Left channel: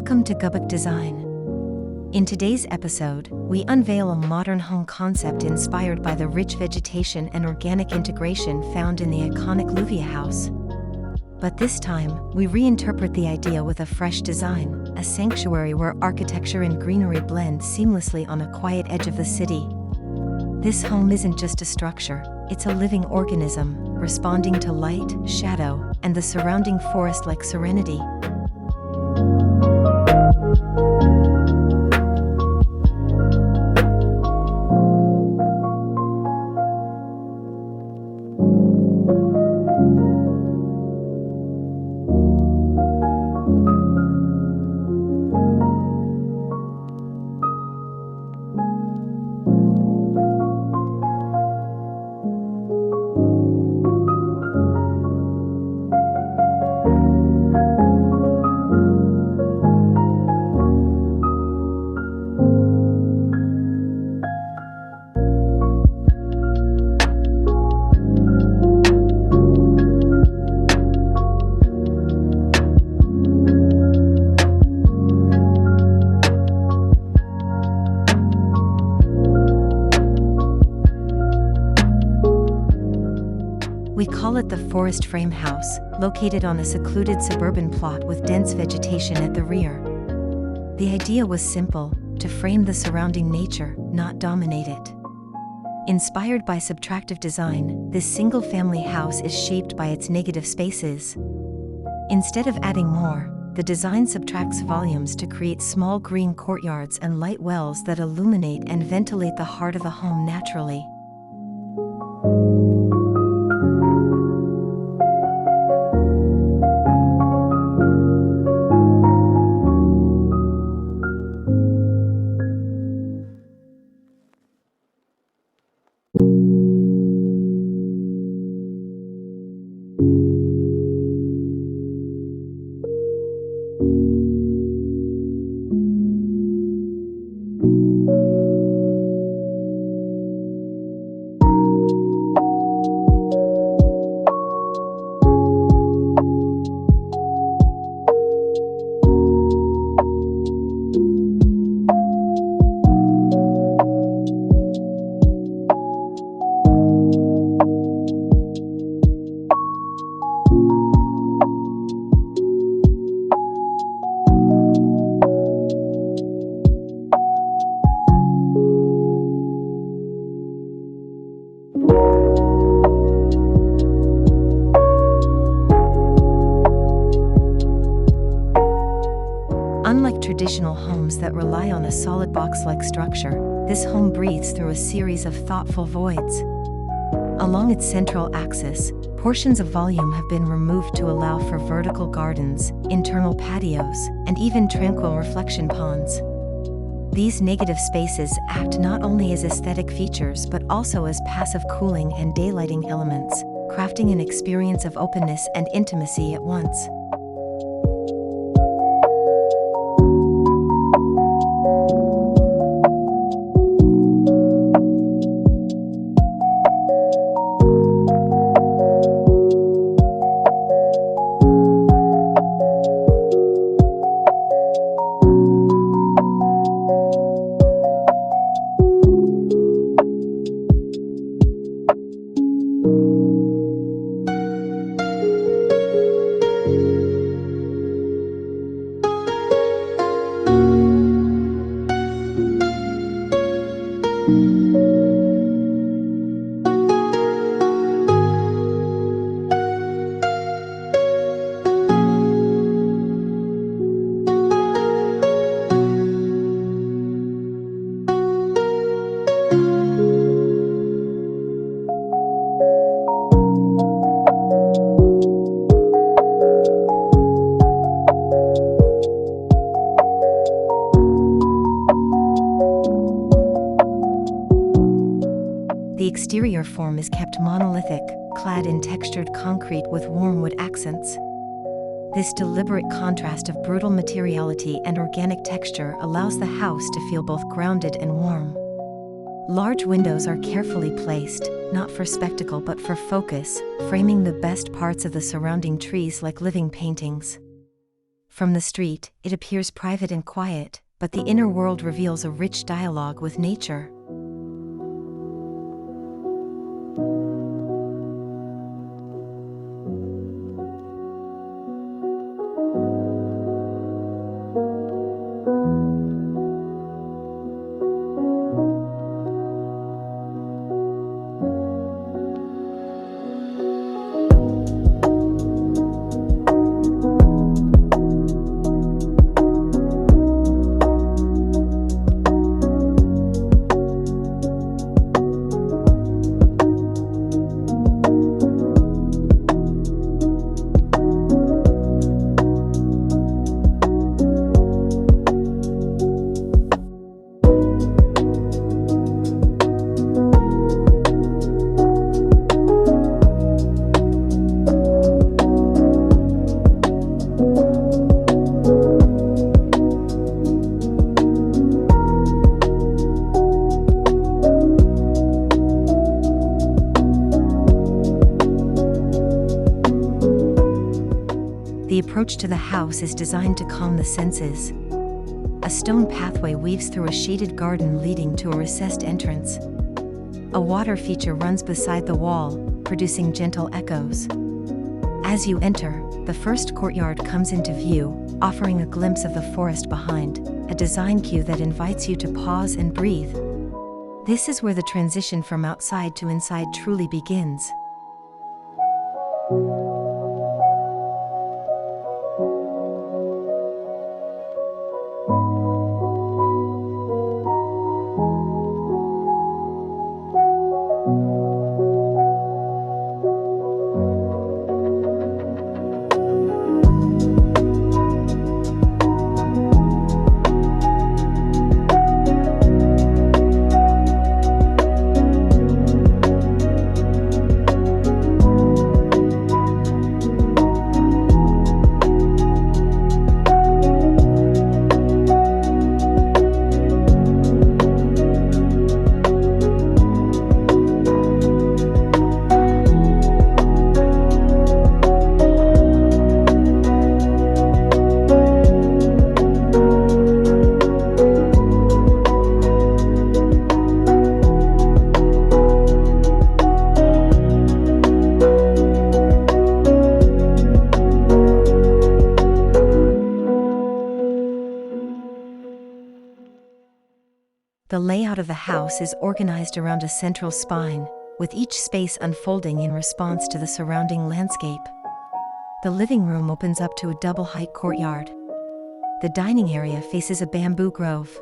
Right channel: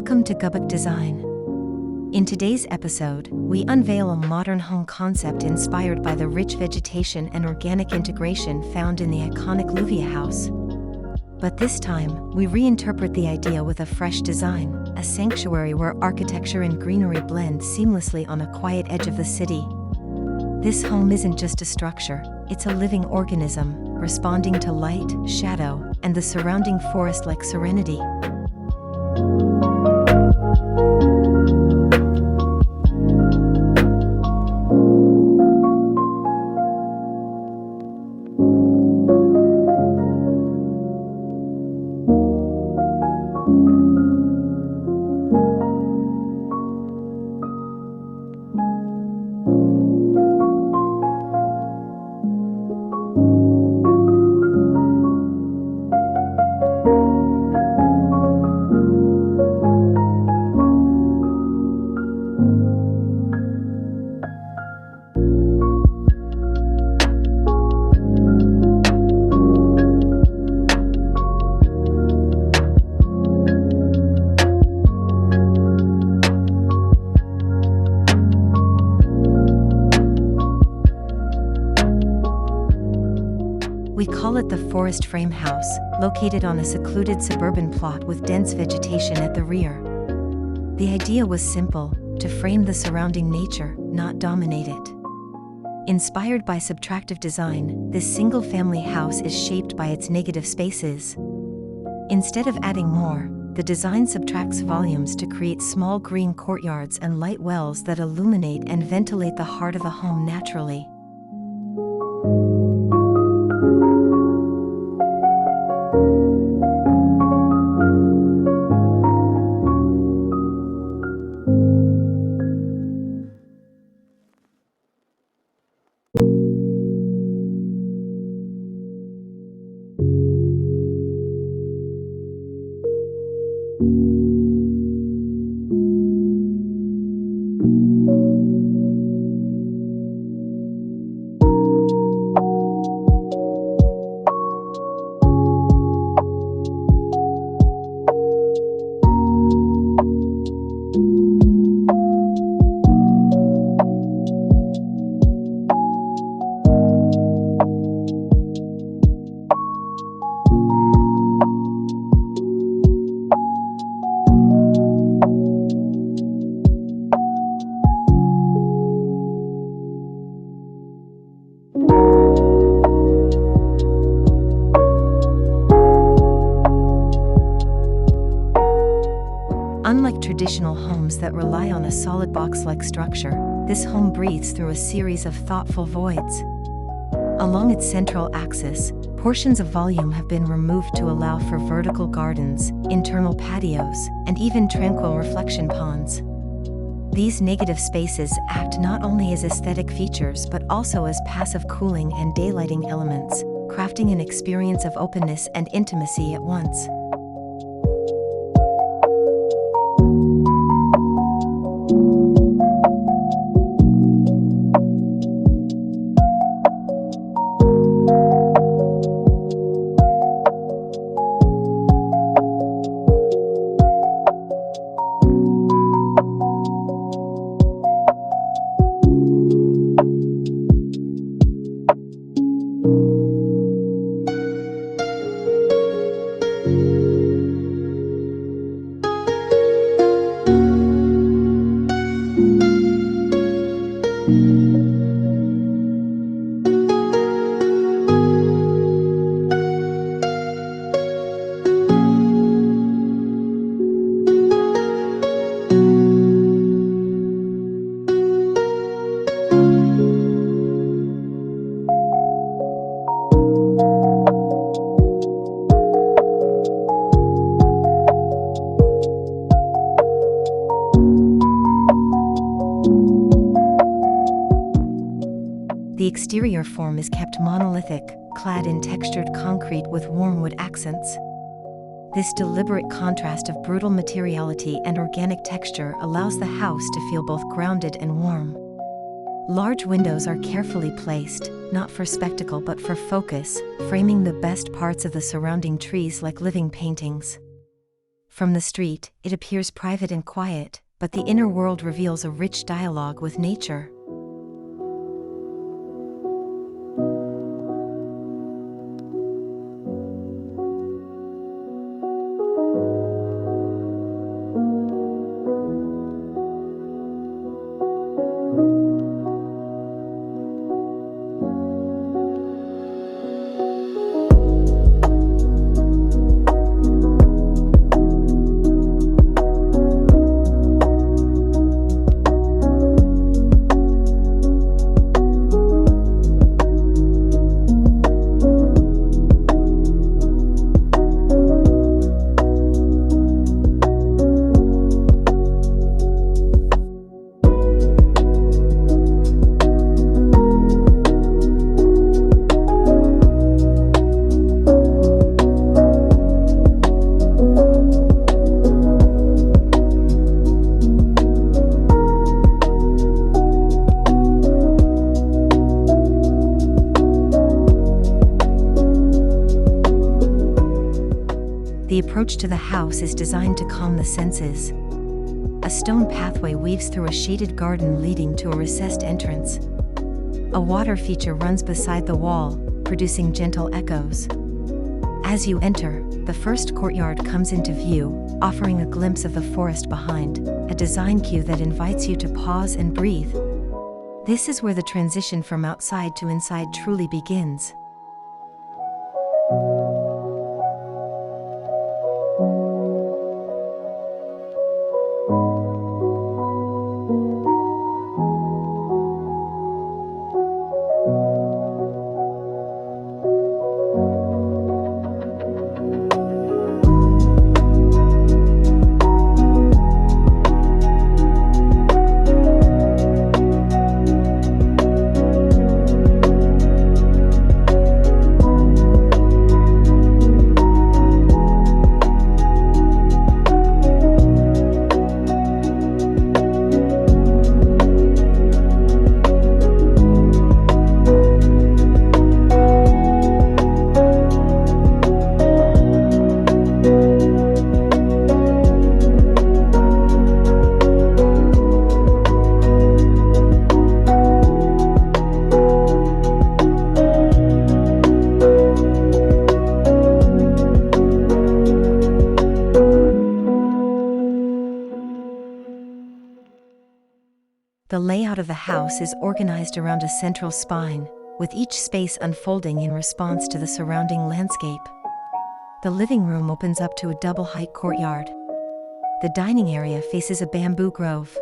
Welcome to Gubuk Design. In today's episode, we unveil a modern home concept inspired by the rich vegetation and organic integration found in the iconic Lluvia House. But this time, we reinterpret the idea with a fresh design, a sanctuary where architecture and greenery blend seamlessly on a quiet edge of the city. This home isn't just a structure, it's a living organism, responding to light, shadow, and the surrounding forest-like serenity. We call it the Forest Frame House, located on a secluded suburban plot with dense vegetation at the rear. The idea was simple: to frame the surrounding nature, not dominate it. Inspired by subtractive design, this single-family house is shaped by its negative spaces. Instead of adding more, the design subtracts volumes to create small green courtyards and light wells that illuminate and ventilate the heart of the home naturally. Unlike traditional homes that rely on a solid box-like structure, this home breathes through a series of thoughtful voids. Along its central axis, portions of volume have been removed to allow for vertical gardens, internal patios, and even tranquil reflection ponds. These negative spaces act not only as aesthetic features but also as passive cooling and daylighting elements, crafting an experience of openness and intimacy at once. The exterior form is kept monolithic, clad in textured concrete with warm wood accents. This deliberate contrast of brutal materiality and organic texture allows the house to feel both grounded and warm. Large windows are carefully placed, not for spectacle but for focus, framing the best parts of the surrounding trees like living paintings. From the street, it appears private and quiet, but the inner world reveals a rich dialogue with nature. The approach to the house is designed to calm the senses. A stone pathway weaves through a shaded garden leading to a recessed entrance. A water feature runs beside the wall, producing gentle echoes. As you enter, the first courtyard comes into view, offering a glimpse of the forest behind, a design cue that invites you to pause and breathe. This is where the transition from outside to inside truly begins. The layout of the house is organized around a central spine, with each space unfolding in response to the surrounding landscape. The living room opens up to a double-height courtyard. The dining area faces a bamboo grove.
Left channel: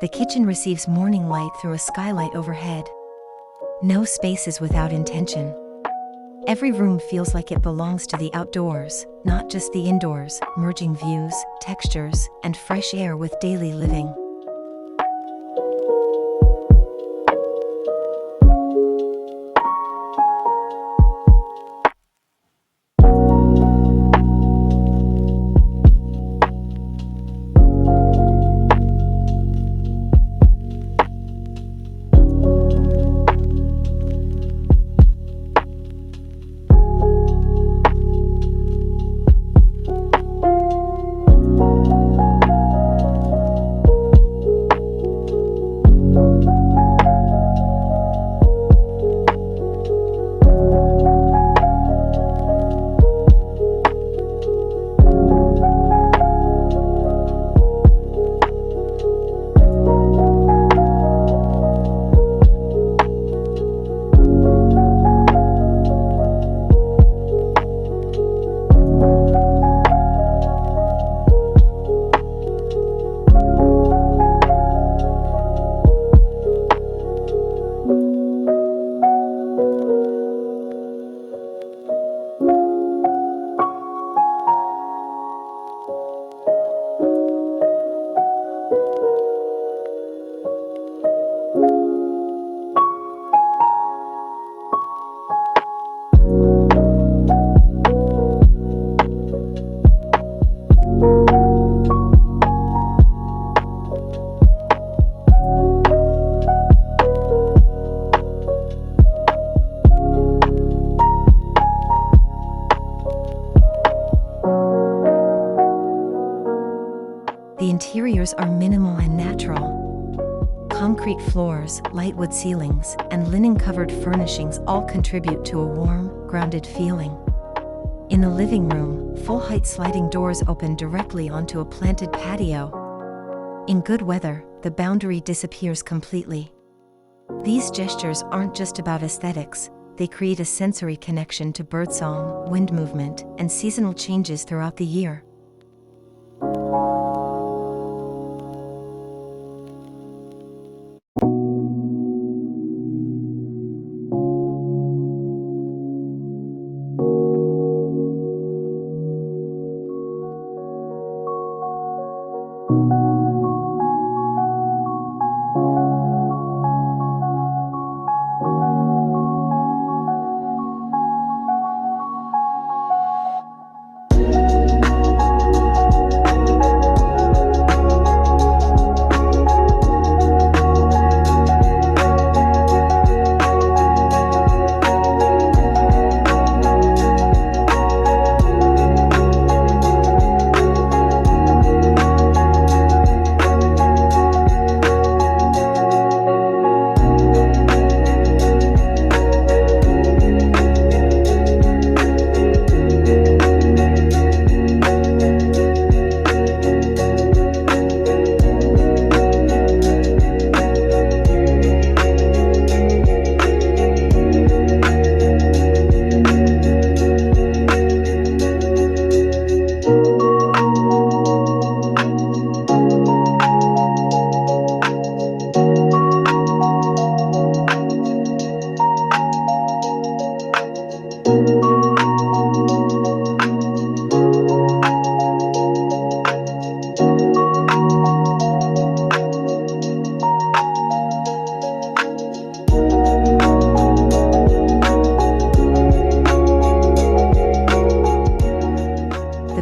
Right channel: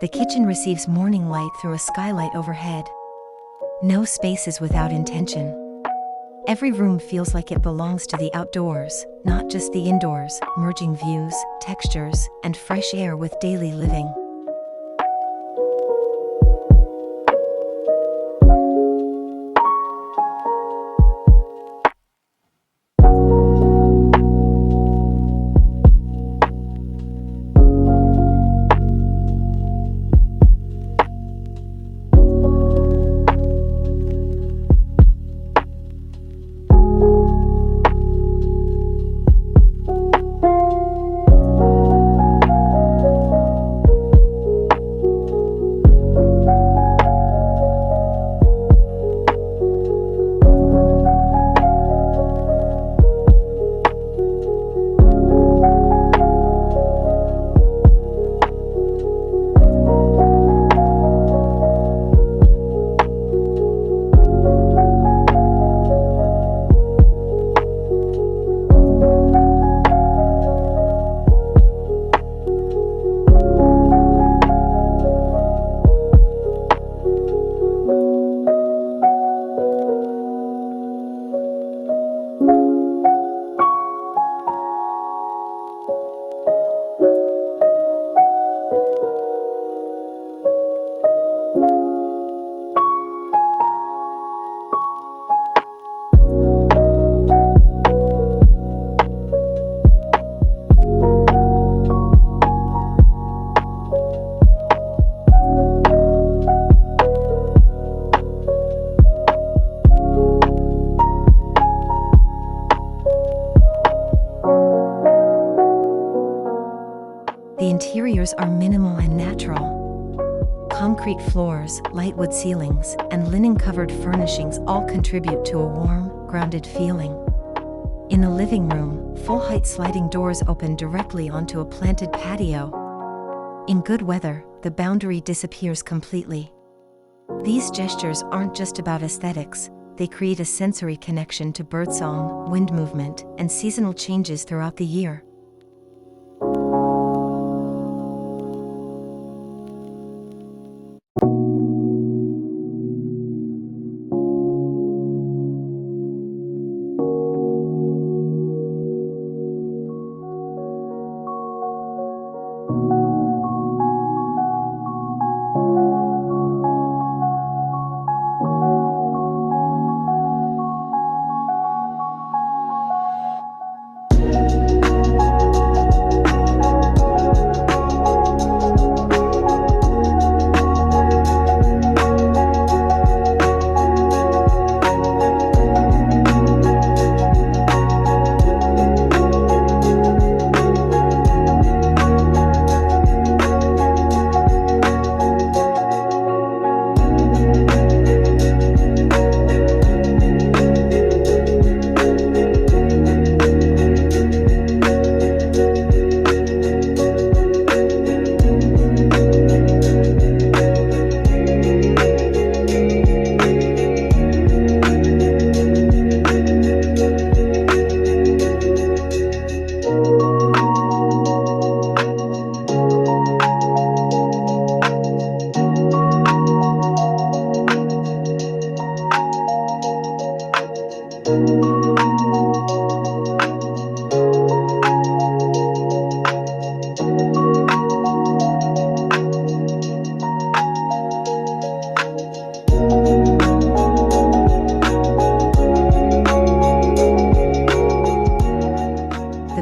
The kitchen receives morning light through a skylight overhead. No space is without intention. Every room feels like it belongs to the outdoors, not just the indoors, merging views, textures, and fresh air with daily living. interiors are minimal and natural. Concrete floors, light wood ceilings, and linen-covered furnishings all contribute to a warm, grounded feeling. In the living room, full-height sliding doors open directly onto a planted patio. In good weather, the boundary disappears completely. These gestures aren't just about aesthetics, they create a sensory connection to birdsong, wind movement, and seasonal changes throughout the year.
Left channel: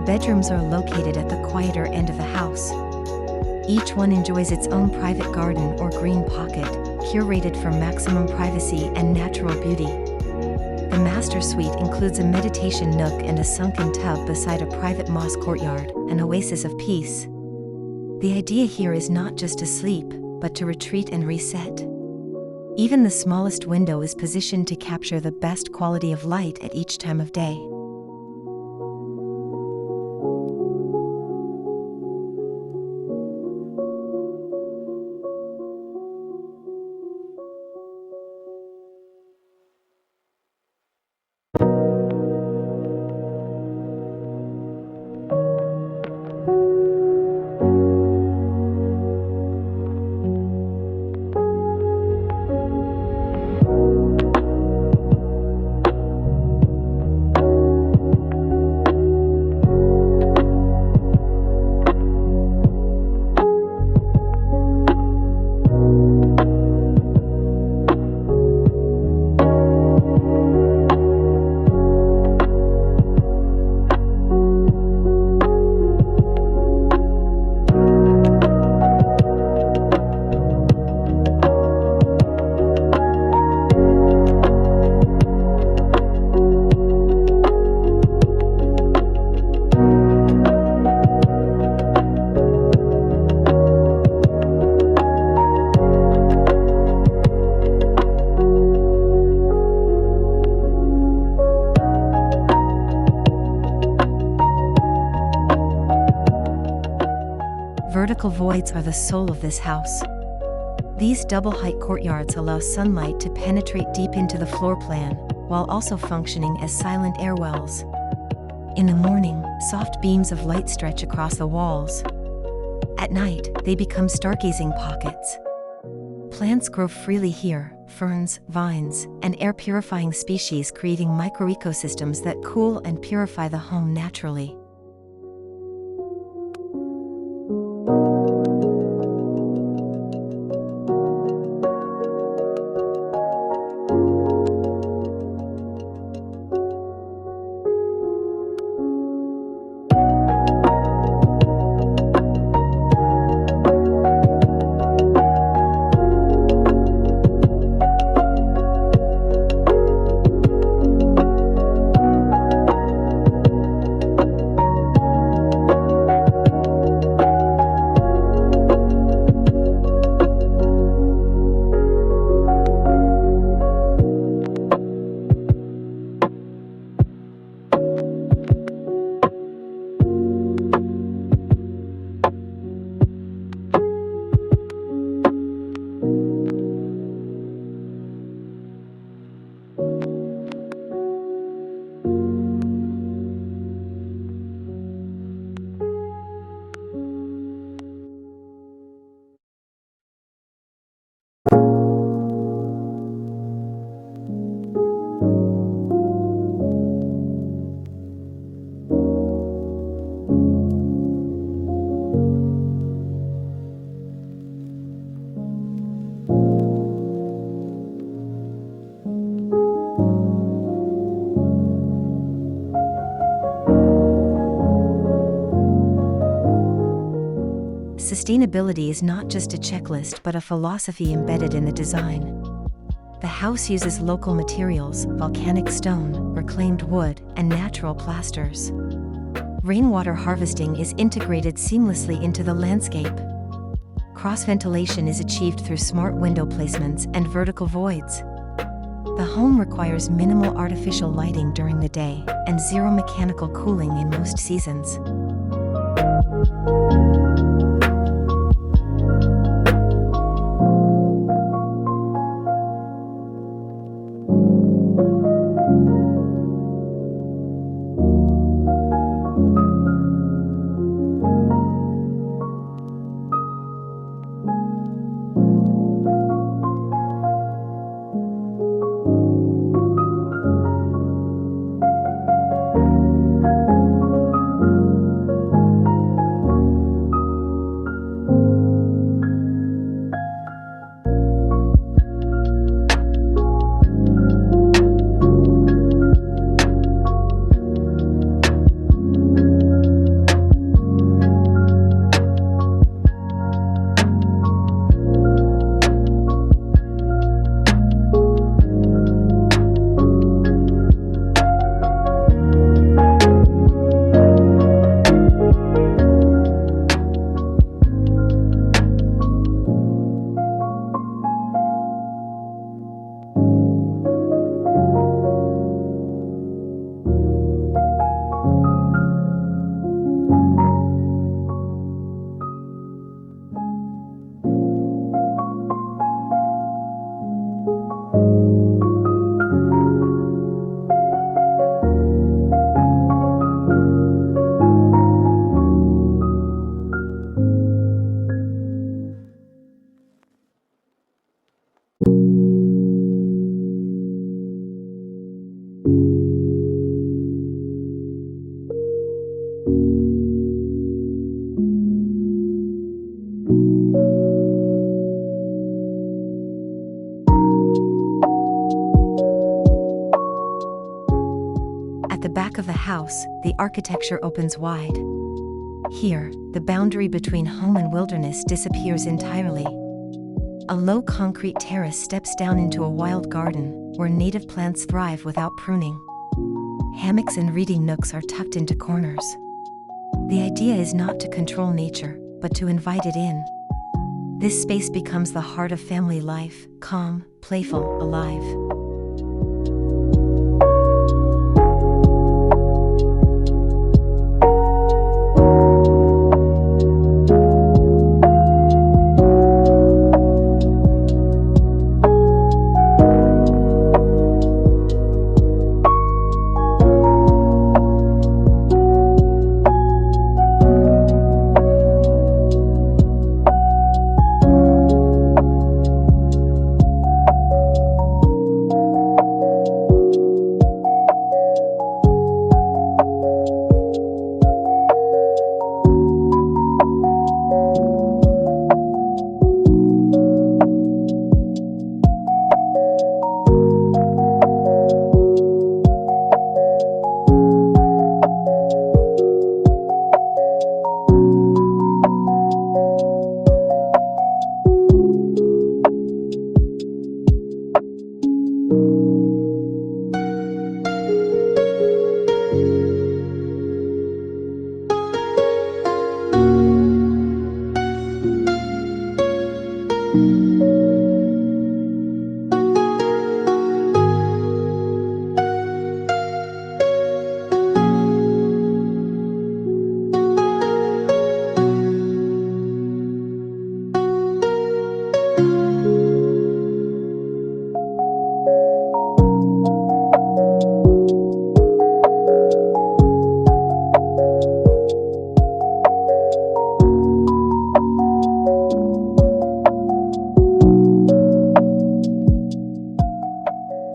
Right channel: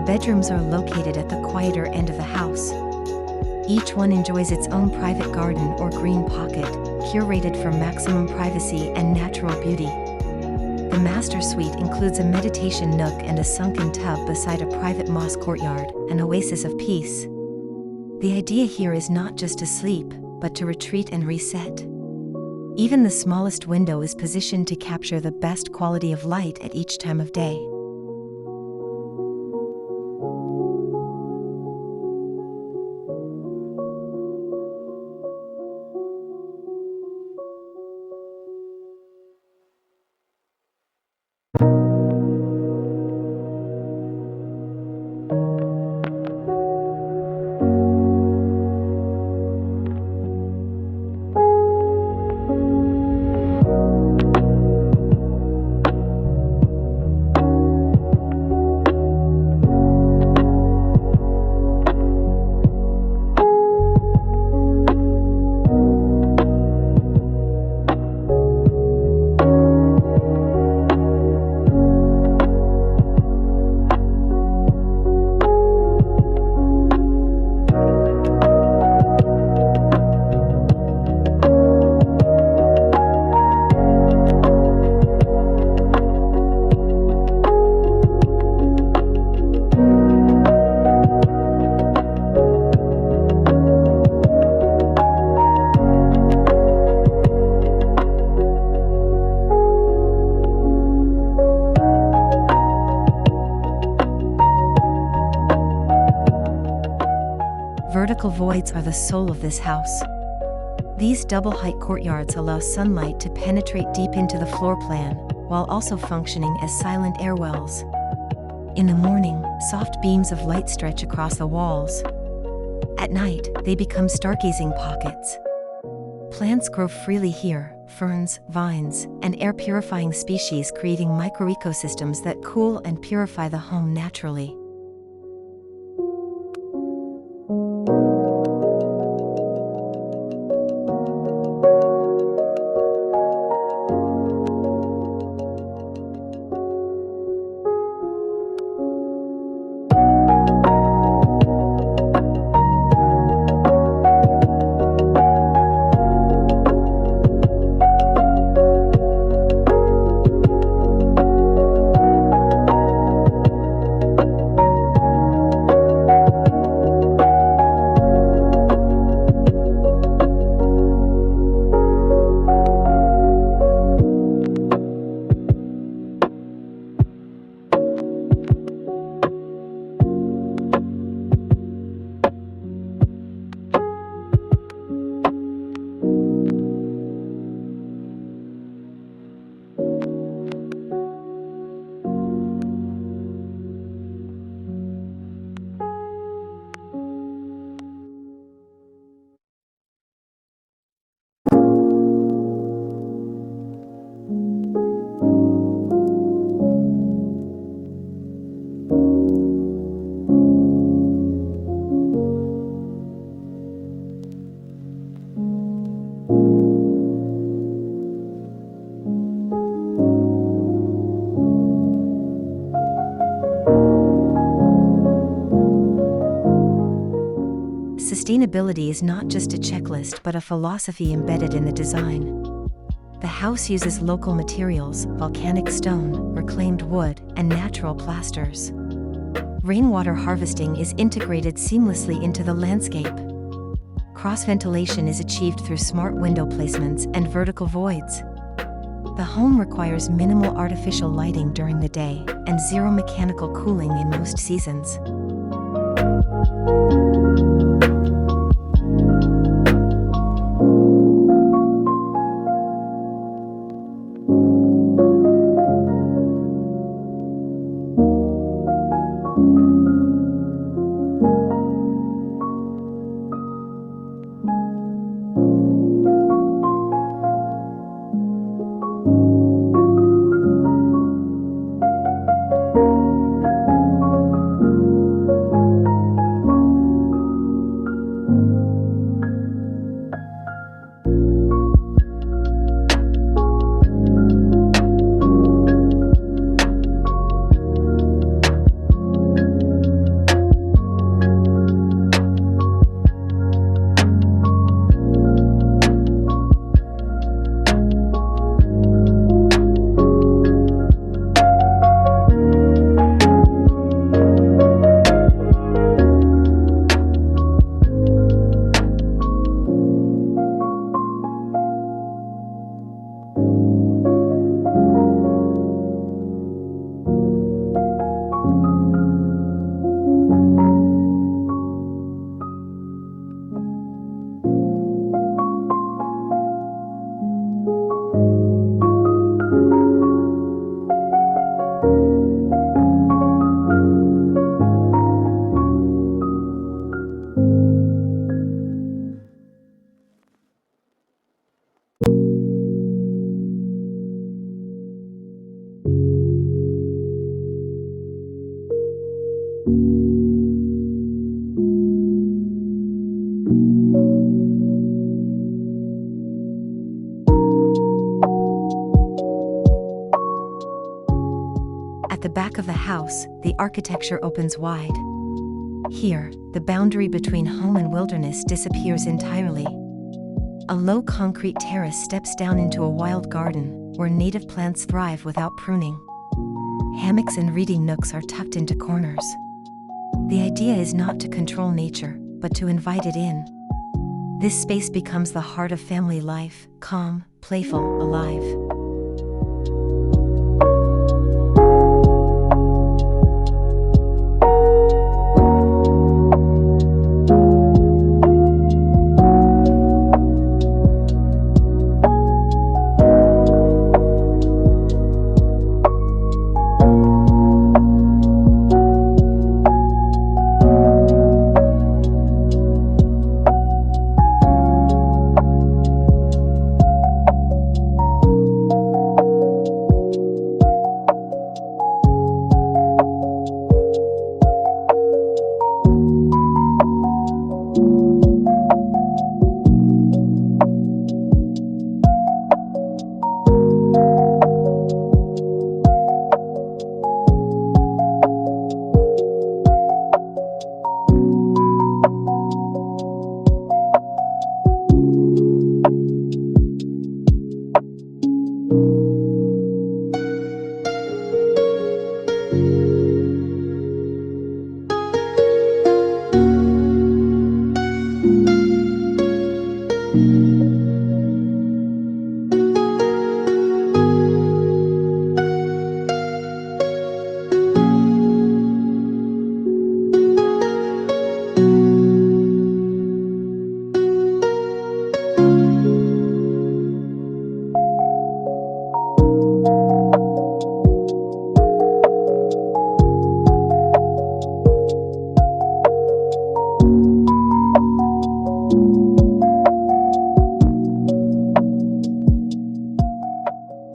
Bedrooms are located at the quieter end of the house. Each one enjoys its own private garden or green pocket, curated for maximum privacy and natural beauty. The master suite includes a meditation nook and a sunken tub beside a private moss courtyard, an oasis of peace. The idea here is not just to sleep, but to retreat and reset. Even the smallest window is positioned to capture the best quality of light at each time of day. Vertical voids are the soul of this house. These double-height courtyards allow sunlight to penetrate deep into the floor plan, while also functioning as silent airwells. In the morning, soft beams of light stretch across the walls. At night, they become stargazing pockets. Plants grow freely here, ferns, vines, and air-purifying species creating microecosystems that cool and purify the home naturally. Sustainability is not just a checklist but a philosophy embedded in the design. The house uses local materials, volcanic stone, reclaimed wood, and natural plasters. Rainwater harvesting is integrated seamlessly into the landscape. Cross-ventilation is achieved through smart window placements and vertical voids. The home requires minimal artificial lighting during the day and zero mechanical cooling in most seasons. At the back of the house, the architecture opens wide. Here, the boundary between home and wilderness disappears entirely. A low concrete terrace steps down into a wild garden, where native plants thrive without pruning. Hammocks and reading nooks are tucked into corners. The idea is not to control nature, but to invite it in. This space becomes the heart of family life, calm, playful, alive.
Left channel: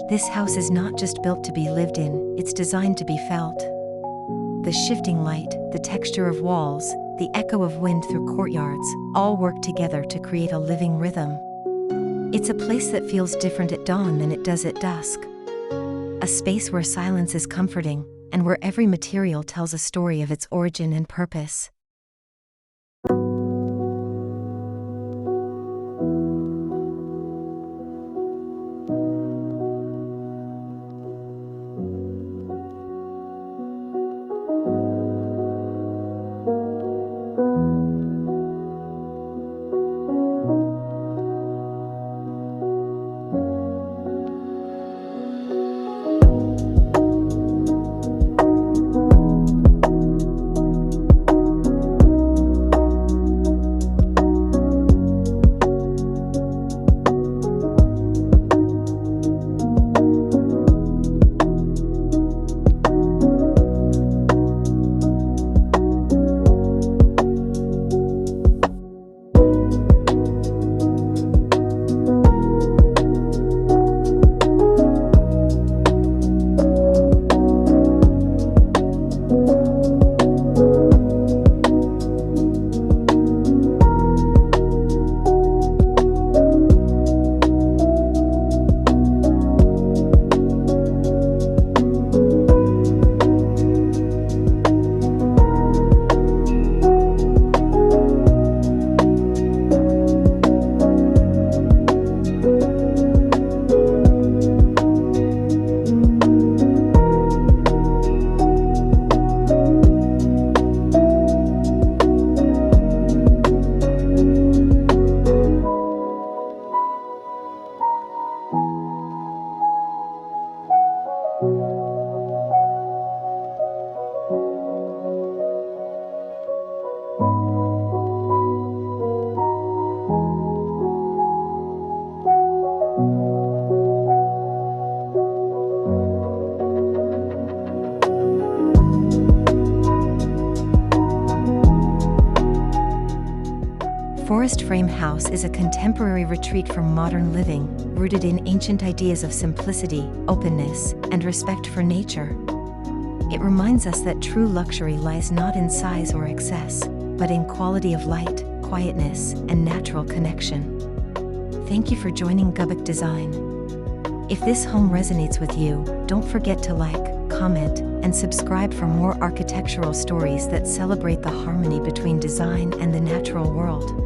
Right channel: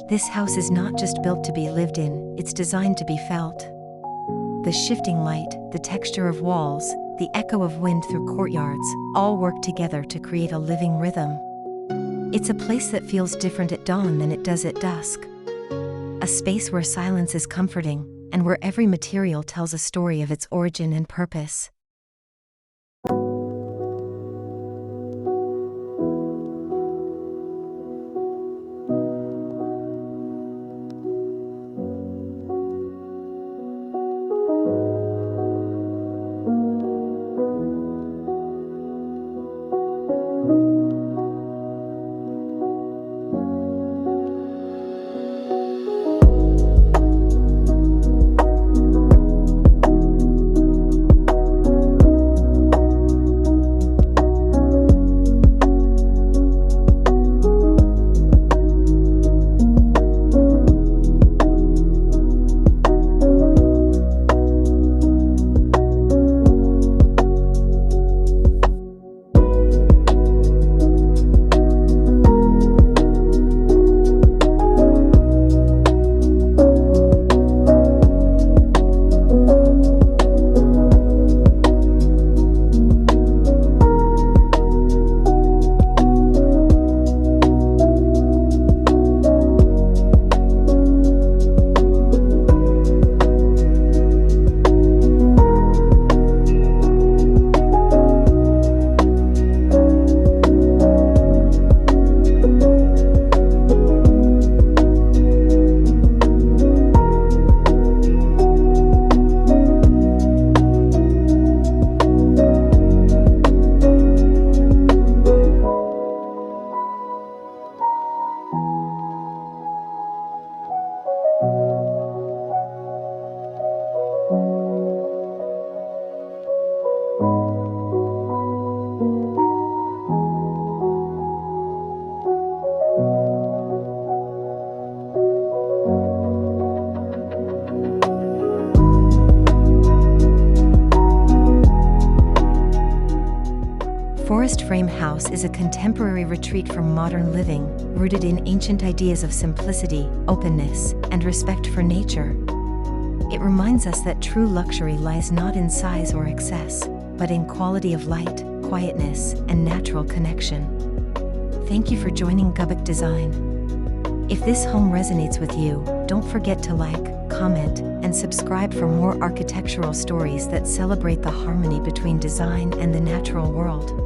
This house is not just built to be lived in, it's designed to be felt. The shifting light, the texture of walls, the echo of wind through courtyards, all work together to create a living rhythm. It's a place that feels different at dawn than it does at dusk. A space where silence is comforting, and where every material tells a story of its origin and purpose. Forest Frame House is a contemporary retreat from modern living, rooted in ancient ideas of simplicity, openness, and respect for nature. It reminds us that true luxury lies not in size or excess, but in quality of light, quietness, and natural connection. Thank you for joining Gubuk Design. If this home resonates with you, don't forget to like, comment, and subscribe for more architectural stories that celebrate the harmony between design and the natural world.